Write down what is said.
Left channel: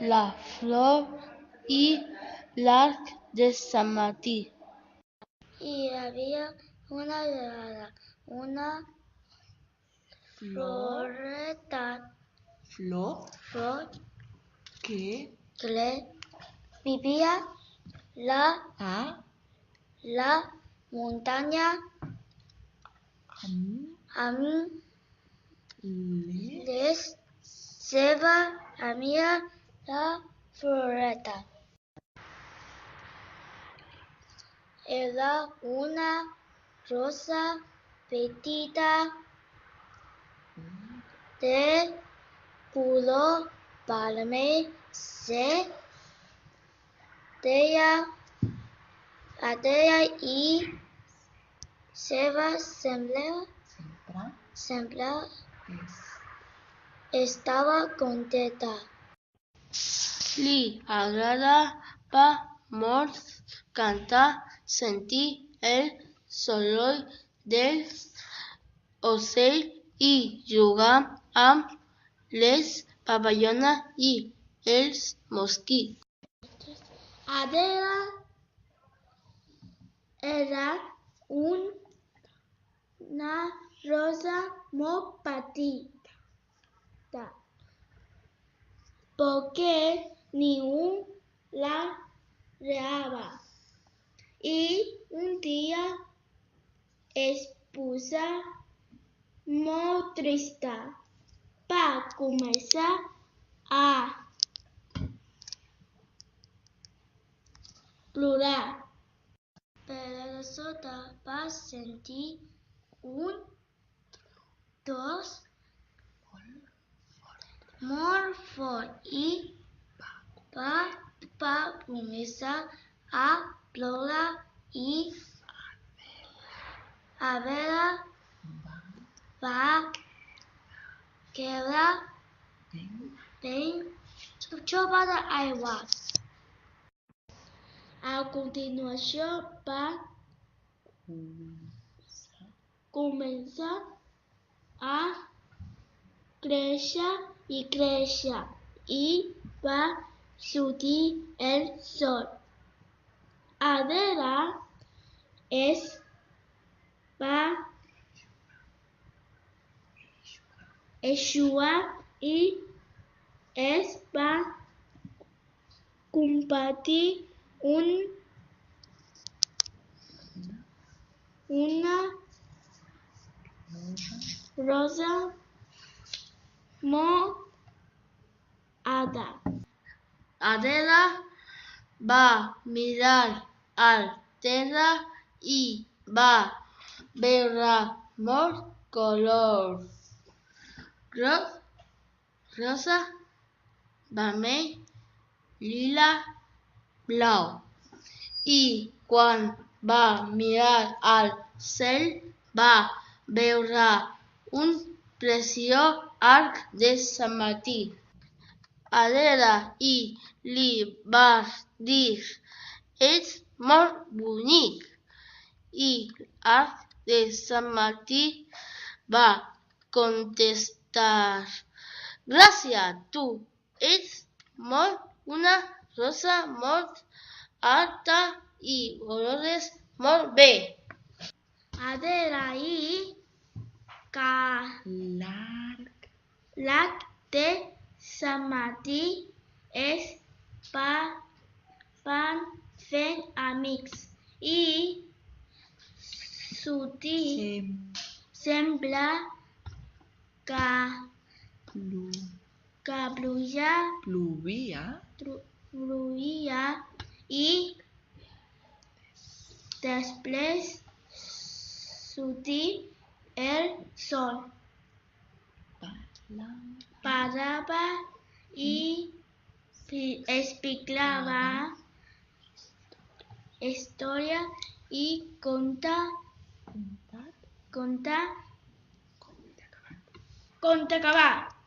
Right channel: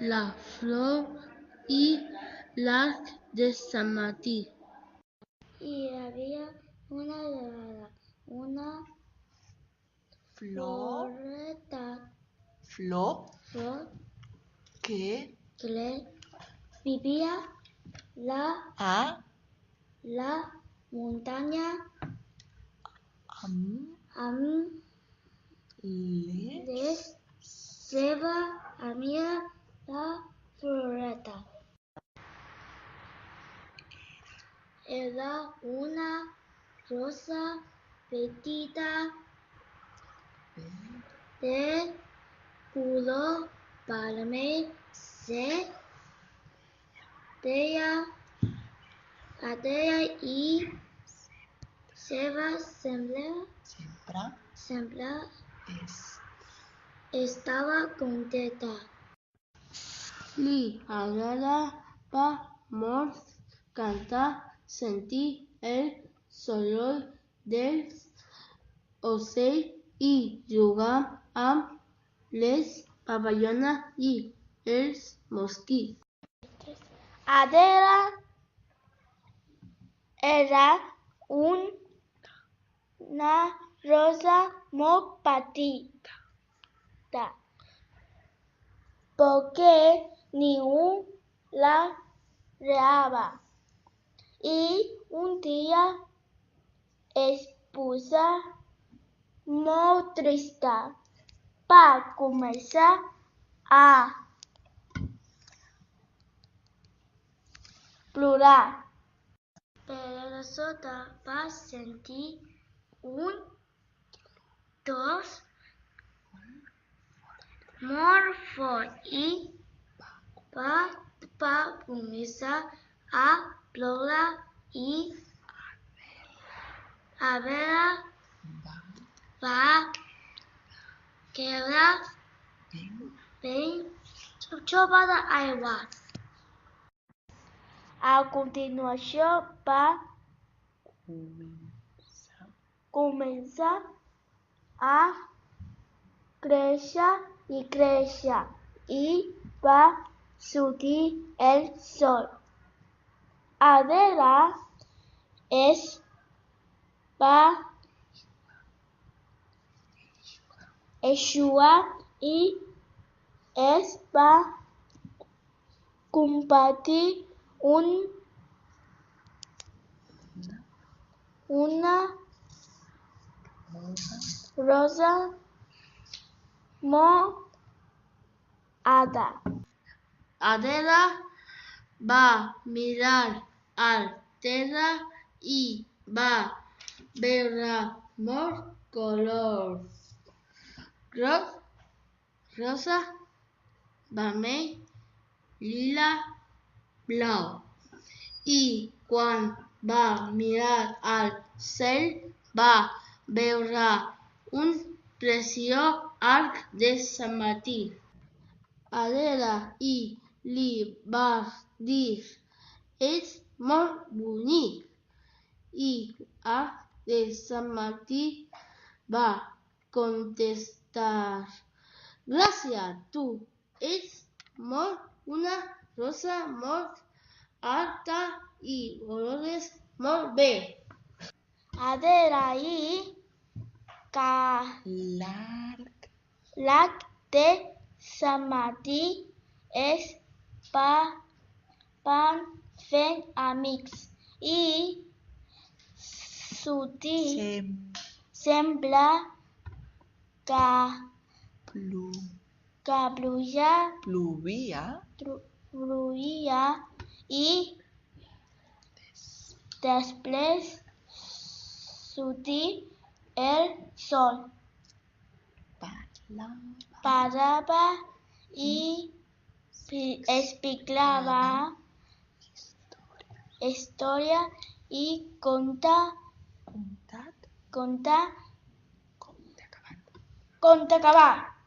la flor i l'arc de Sant Martí. Hi havia una vegada una flor que vivia la muntanya amb les seves amigues, la floreta. Era una rosa petita de color vermell. Deia i seva sempre estava contenta. Li agradava molt cantar, sentir el soroll dels ocells i jugar amb les papallones i els mosquits. Adela era una rosa molt petita, perquè ningú la regava, i un dia es posà molt trista. Va començar a plorar. Però de sobte va sentir un tros molt fort i va començar a ploure, i Adela va quedar ben xopa d'aigua. A continuació va començar a créixer i va sortir el sol. Adela es va eixugar i es va convertir una rosa molt alta. Adela va mirar al terra i va veure molts colors: groc, rosa, vermell, lila, blau. I quan va mirar al cel va veure un preciós arc de Sant Martí. Adela li va dir: "Ets molt bonic". I l'arc de Sant Martí va contestar: "Gràcies, tu ets una rosa molt alta i olores molt bé". Adela i l'arc de Sant Martí es van fer amics i sembla que plovia i després sortir el sol. Parlava i explicava històries i conte acabat.